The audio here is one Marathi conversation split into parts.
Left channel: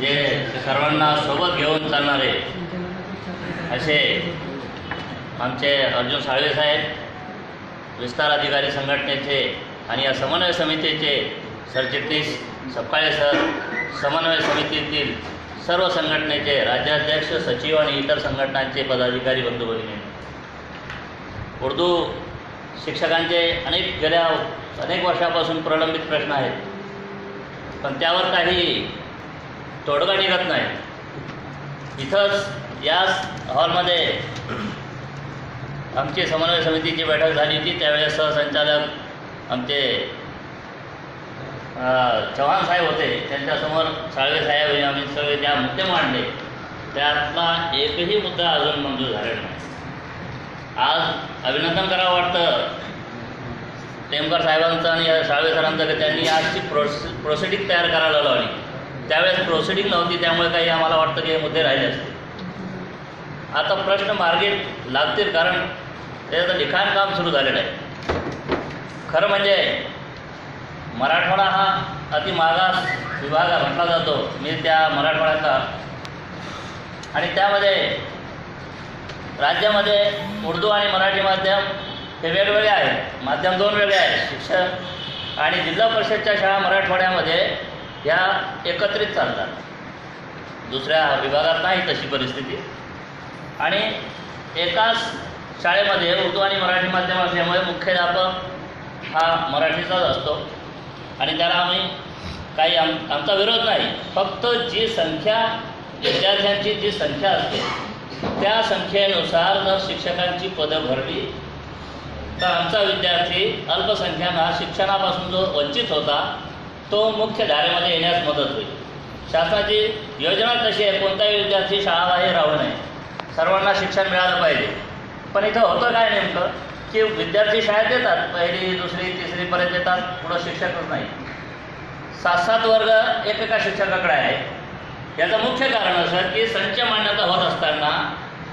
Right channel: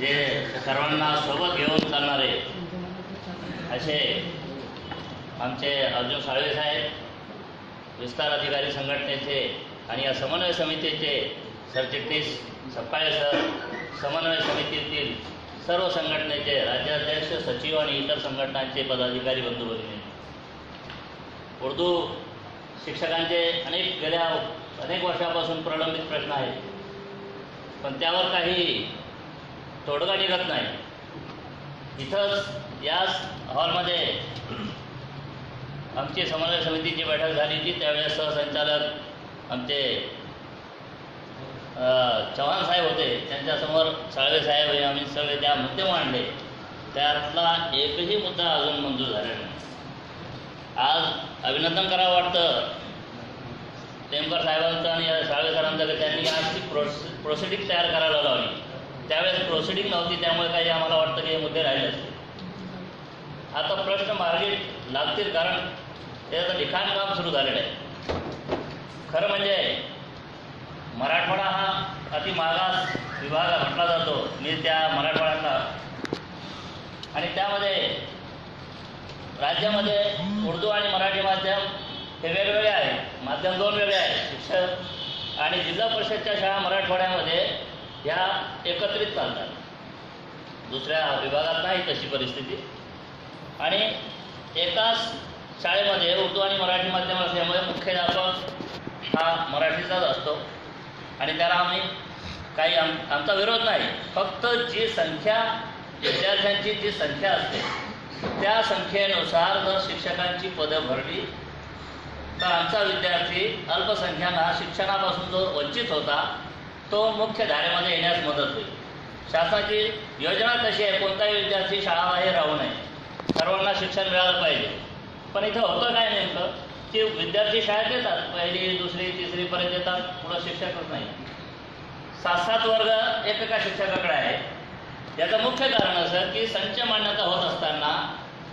जे सर्वांना सोबत घेऊन चालणारे असे आमचे अर्जुन साळवे साहेब, विस्तार अधिकारी संघटनेचे आणि या समन्वय समितीचे सरचिटणीस सपकाळे सर, समन्वय समितीतील सर्व संघटनेचे राज्याध्यक्ष, सचिव आणि इतर संघटनांचे पदाधिकारी बंधू भगिनी, उर्दू शिक्षकांचे गेल्या अनेक वर्षापासून प्रलंबित प्रश्न आहेत, पण त्यावर काही तोडगा निघत नाही. इथंच याच हॉलमध्ये आमची समन्वय समितीची बैठक झाली होती. त्यावेळेस सहसंचालक आमचे चव्हाण साहेब होते. त्यांच्यासमोर साळवे साहेब आणि आम्ही सगळे त्या मुद्दे मांडले. त्यातला एकही मुद्दा अजून मंजूर झालेला नाही. आज अभिनंदन करावं वाटतं टेमकर साहेबांचं आणि साळवे सरांचं की त्यांनी आजची प्रोसिडिंग तयार करायला लावली. त्यावेळेस प्रोसिडिंग नव्हती, त्यामुळे काही आम्हाला वाटतं की हे मुद्दे राहिले असते. आता प्रश्न मार्गी लागतील, कारण त्याचं लिखाण काम सुरू झालेलं आहे. खरं म्हणजे मराठवाडा हा अति मागास विभाग म्हटला जातो. मी त्या मराठवाड्यातला, आणि त्यामध्ये राज्यामध्ये उर्दू आणि मराठी माध्यम हे वेगवेगळे आहेत. माध्यम दोन वेगळे आहेत. शिक्षण आणि जिल्हा परिषदच्या शाळा मराठवाड्यामध्ये ह्या एकत्रित चालतात. दुसऱ्या विभागात नाही तशी परिस्थिती. आणि एकाच शाळेमध्ये उर्दू आणि मराठी माध्यम असल्यामुळे मुख्याध्यापक हा मराठीचाच असतो आणि त्याला आम्ही काही आमचा विरोध नाही. फक्त जी संख्या, विद्यार्थ्यांची जी संख्या असते त्या संख्येनुसार जर शिक्षकांची पदं भरली तर आमचा विद्यार्थी अल्पसंख्याना शिक्षणापासून जो वंचित होता तो मुख्य धारेमध्ये येण्यास मदत होईल. शासनाची योजना कशी आहे, कोणताही विद्यार्थी शाळाबाहेर राहू नये, सर्वांना शिक्षण मिळालं पाहिजे. पण इथं होतं काय नेमकं की विद्यार्थी शाळेत येतात, पहिली दुसरी तिसरीपर्यंत येतात, पुढं शिक्षकच नाही. 7-7 वर्ग एकेका शिक्षकाकडे आहे. याचं मुख्य कारण असं की संच मान्यता होत असताना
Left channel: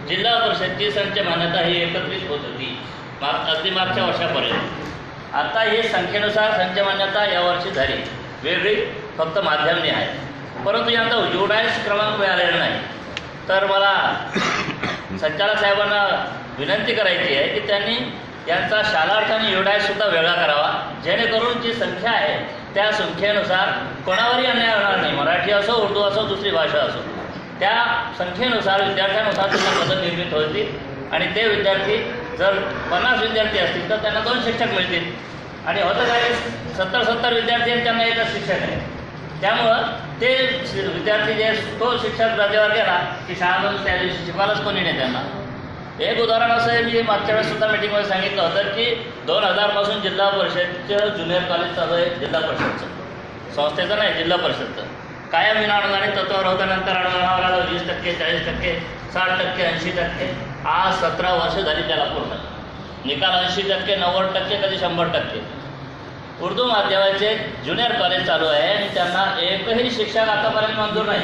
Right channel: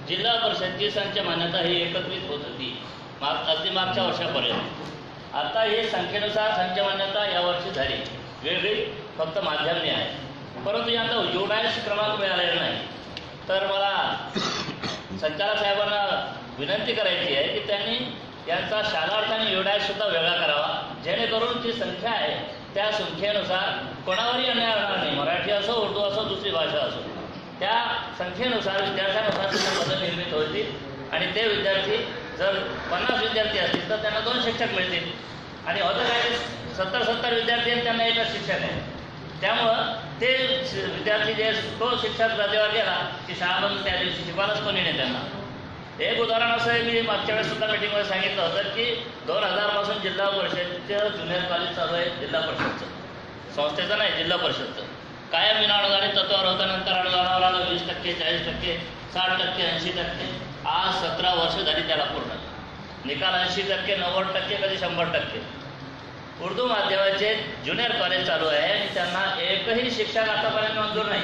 जिल्हा परिषदची संच मान्यता ही एकत्रित होत होती अगदी मागच्या वर्षापर्यंत. आता ही संख्येनुसार संच मान्यता यावर्षी झाली, वेगळी फक्त माध्यमने आहे. परंतु यांचा जोडायस क्रमांक मिळालेला नाही. तर मला संचालक साहेबांना विनंती करायची आहे की त्यांनी यांचा शालार्थ आणि योडायससुद्धा वेगळा करावा, जेणेकरून जी संख्या आहे त्या संख्येनुसार कोणावरही अन्याय होणार नाही. मराठी असो, उर्दू असो, दुसरी भाषा असो, त्या संख्येनुसार विद्यार्थ्यांनुसार त्यांना पदं निर्मित होतील. आणि ते विद्यार्थी जर 50 विद्यार्थी असतील तर त्यांना 2 शिक्षक मिळतील. आणि होतं काय, 70 विद्यार्थी आणि त्यांना एकच शिक्षक आहे. त्यामुळं ते विद्यार्थी जे तो शिक्षक रजेवर गेला की शाळामधून त्या दिवशी शिकवायलाच कोणी नाही त्यांना. एक उदाहरण असं आहे, मी मागच्या वेळेस सुद्धा मीटिंगमध्ये सांगितलं होतं की 2000 पासून जिल्हा परिषदचं ज्युनियर कॉलेज चालू आहे. जिल्हा परिषदचं, संस्थेचं नाही, जिल्हा परिषदचं. कायम विनाअनुदानित तत्वावर होतं. नंतर अनुदानावर आलं 20%, 40%, 60%, 80%. आज 17 वर्ष झाली त्याला पूर्ण. निकाल 80%, 90%, कधी 100%. उर्दू माध्यमाचे ज्युनियर कॉलेज चालू आहे आणि त्यांना एकही शिक्षक आतापर्यंत मंजूर नाही.